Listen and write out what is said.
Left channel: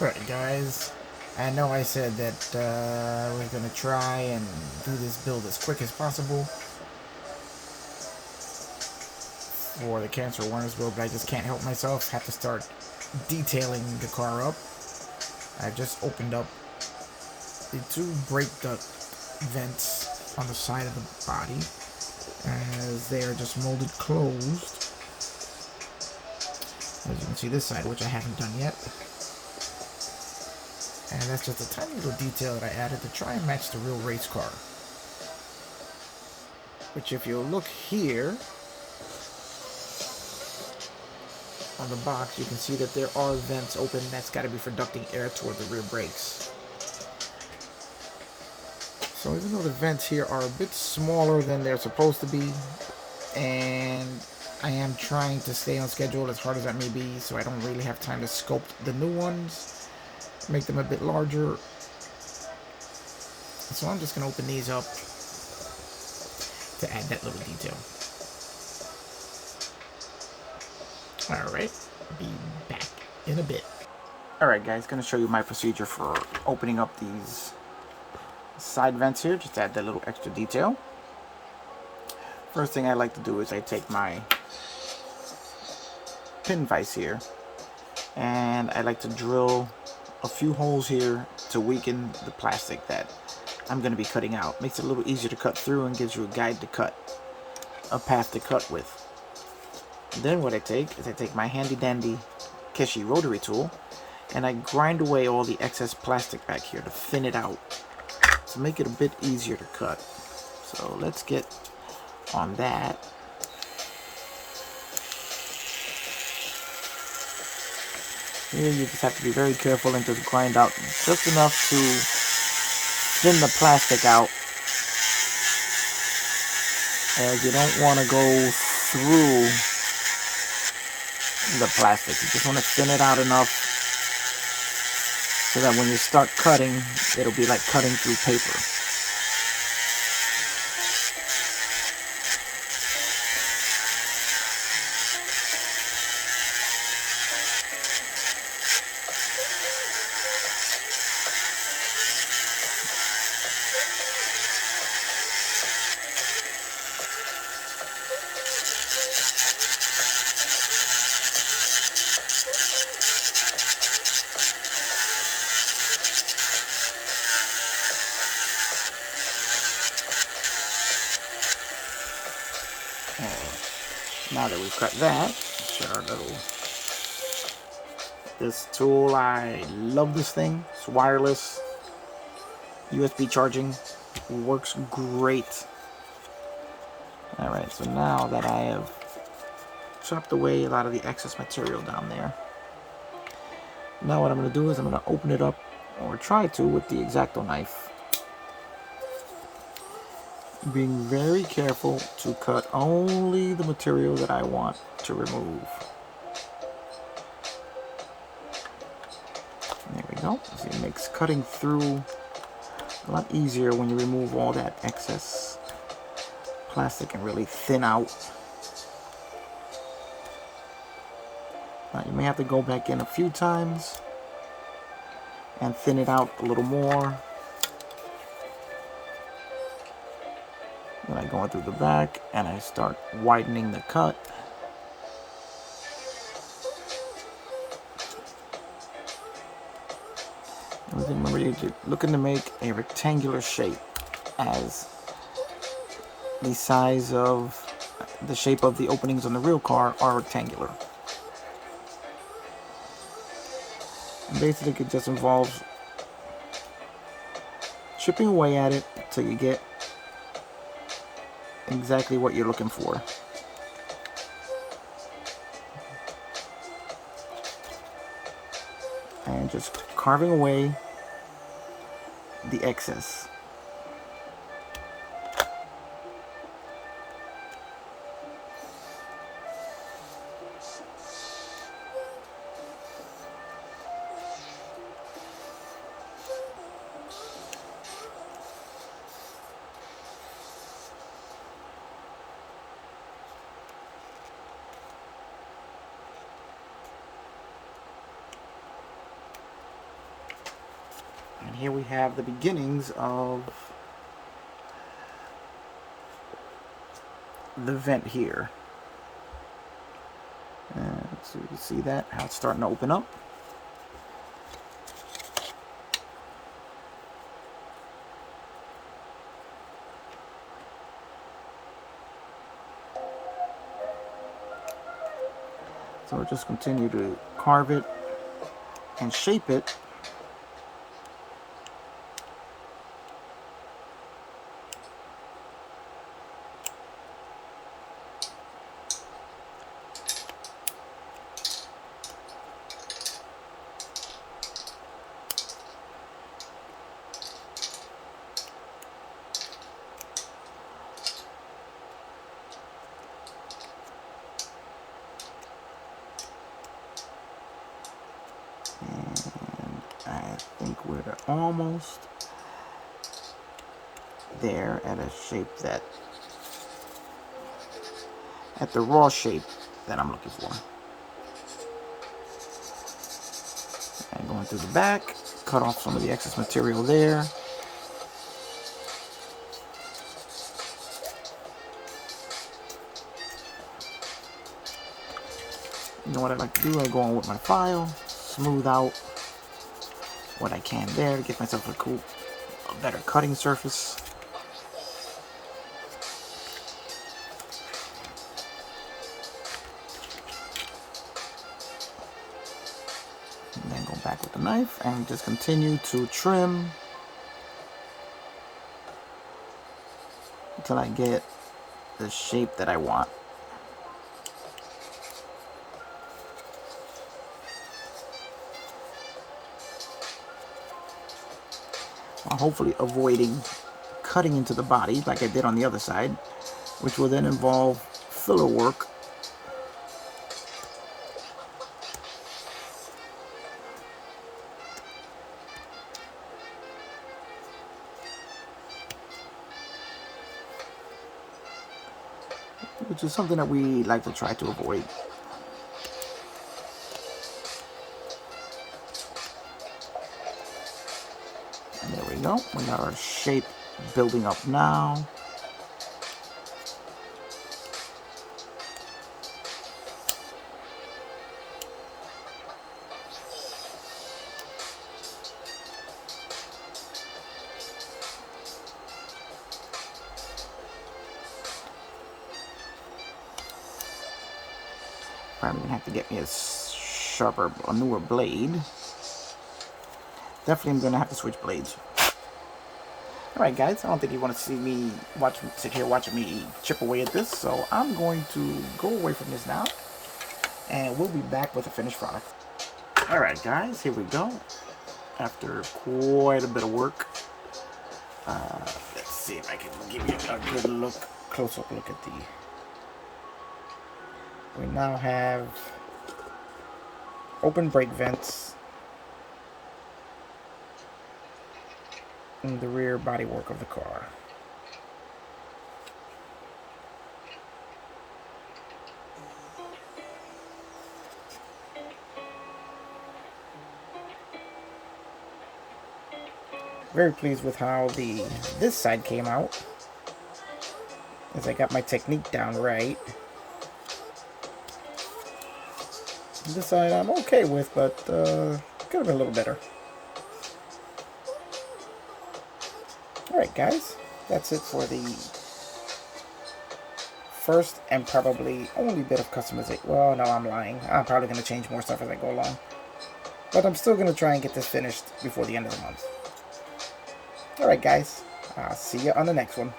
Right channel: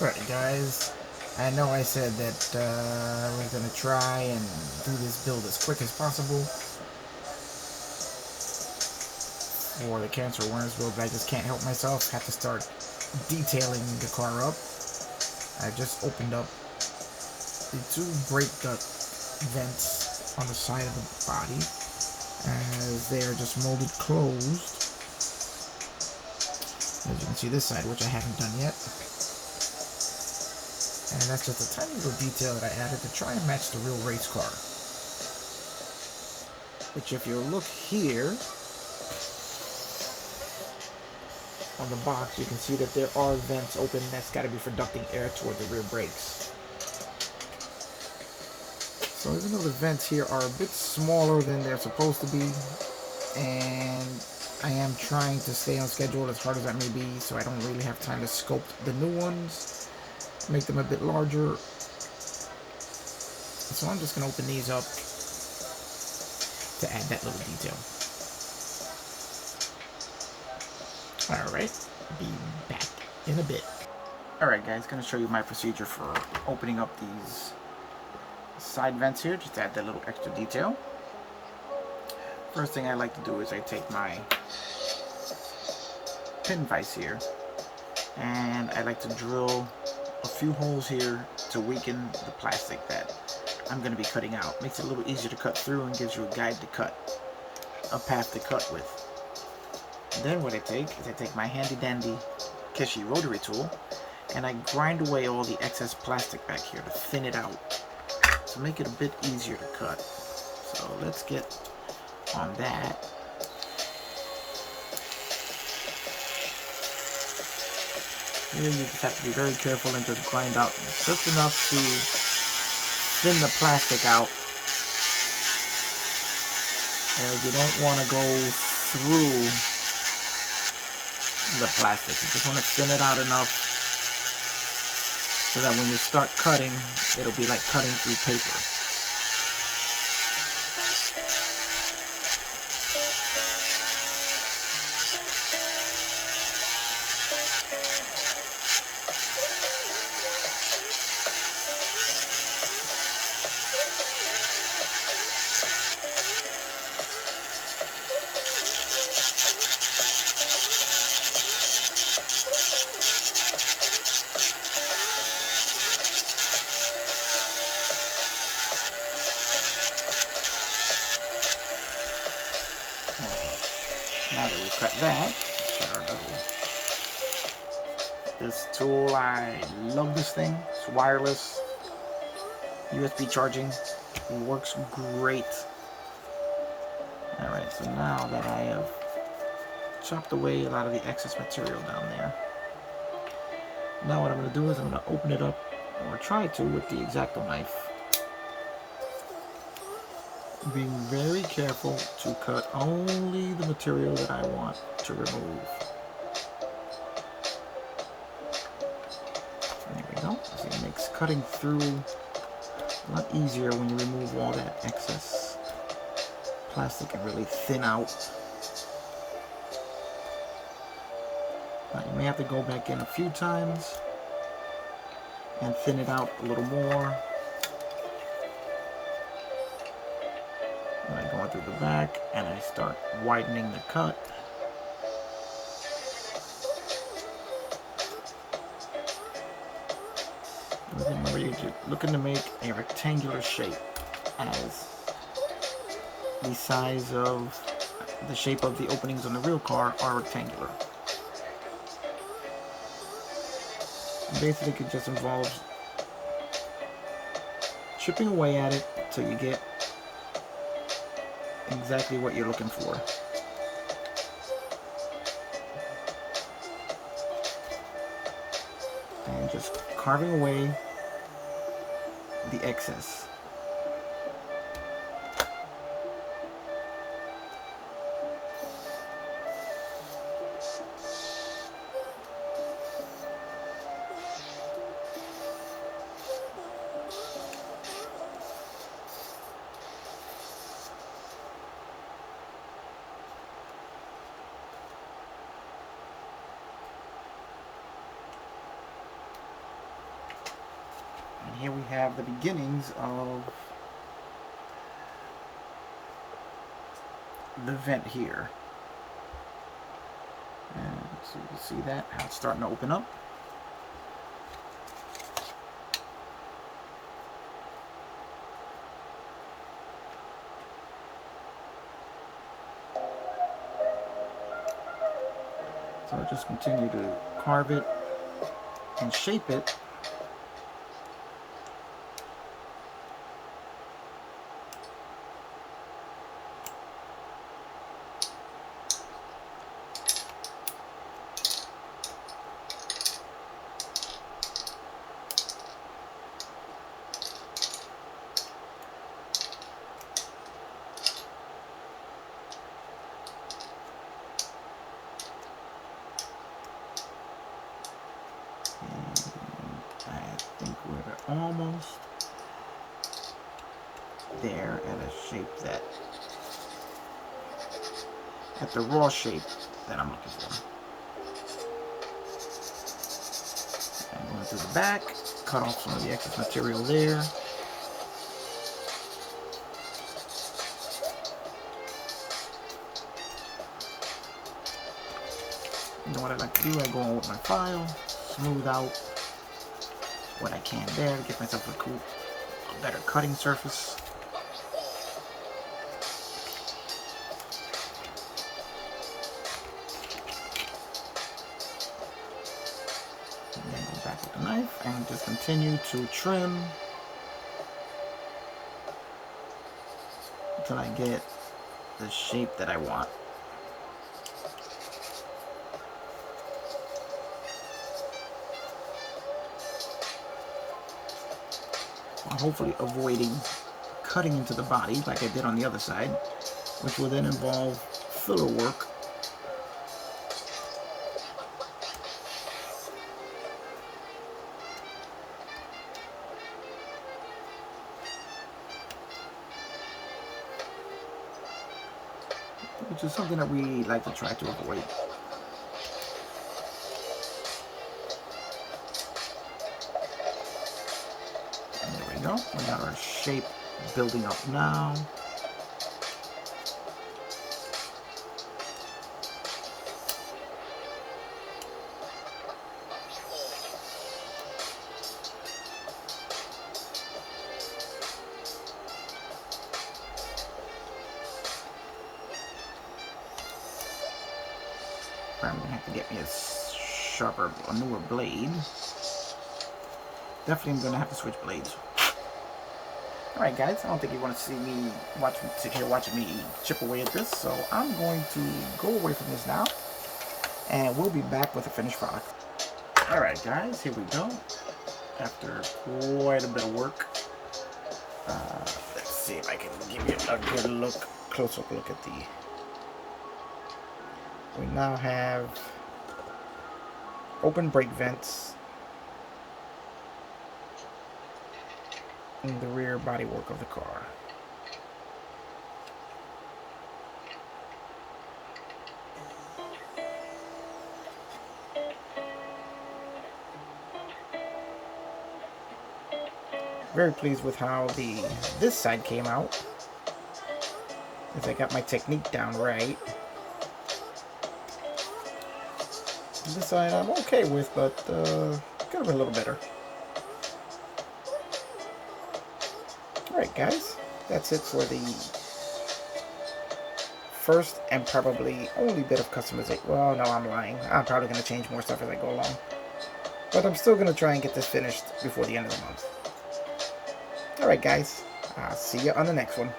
Alright guys, I know I said that we're going to try and do this build as quick as possible for the cancer awareness build, but I just can't help myself. Have to start detailing the car up. I just opened up the two brake duct vents on the side of the body as they are just molded closed. As you can see this side, which I haven't done yet. And that's just a tiny little detail that I added to try and match the real race car. Which if you look here on the box, you can see that there are vents open. That's got to be for ducting air toward the rear brakes. So even though the vents here are a bit smaller than they're supposed to be, and I am trying to stay on schedule as hard as that may be, so I don't really have time to sculpt the new ones, make them a bit larger. So I'm just going to open these up to add that little detail. Alright, be back in a bit. Alright guys, going to show you my procedure for opening up these side vents here, just to add that little extra detail. First thing I like to do is I take my pin vise here, and I like to drill a few holes here to weaken the plastic that I'm going to be cutting out. Makes it a little easier to cut through and gives you a guide to cut, a path to cut with. Then what I take is I take my handy dandy Kishi rotary tool and I grind away all the excess plastic back here to thin it out, to make it a bit easier to cut. So let's get on that. Here you just have to be very careful and just grind out just enough to thin the plastic out, as you don't want to go through the plastic. You just want to thin it out enough so that when you start cutting, it'll be like cutting through paper. Now that we've cut that, this tool, I love this thing. It's wireless, USB charging, works great. Alright, so now that I have chopped away a lot of the excess material down there, now what I'm going to do is I'm going to open it up, or try to, with the X-Acto knife. Being very careful to cut only the material that I want to remove. There we go. So it makes cutting through a lot easier when you remove all that excess plastic and really thin out. Now you may have to go back in a few times and thin it out a little more. Then I go through the back and I start widening the cut. And then remember, you're looking to make a rectangular shape, as the size of the shape of the openings on the real car are rectangular. Basically, it just involves chipping away at it till you get exactly what you're looking for. And just carving away the excess. here we have the beginnings of the vent here. And so you can see that how it's starting to open up. So I'll just continue to carve it and shape it. I think we're almost there at a shape that, at the raw shape that I'm looking for. And going through the back, cut off some of the excess material there. You know what I like to do? I go on with my file, smooth out what I can there to give myself a better cutting surface. And then go back with the knife and just continue to trim until I get the shape that I want. While hopefully avoiding cutting into the body like I did on the other side, which will then involve filler work. Which is something that we like to try to avoid. And there we go. We got our shape building up now. Probably gonna have to get me a newer blade. Definitely I'm gonna have to switch blades. Alright guys, I don't think you want to see me sit here watching me chip away at this, so I'm going to go away from this now, and we'll be back with the finished product. Alright guys, here we go. After quite a bit of work, let's see if I can give you a good look, close-up look at the... We now have open brake vents in the rear bodywork of the car. Very pleased with how this side came out, as I got my technique down right. This side I'm okay with, but could have been a little better. Alright guys, that's it for the first and probably only bit of customization. Well, no, I'm lying. I'm probably going to change more stuff as I go along. But I'm still going to try and get this finished before the end of the month. Alright guys, I'll see you on the next one.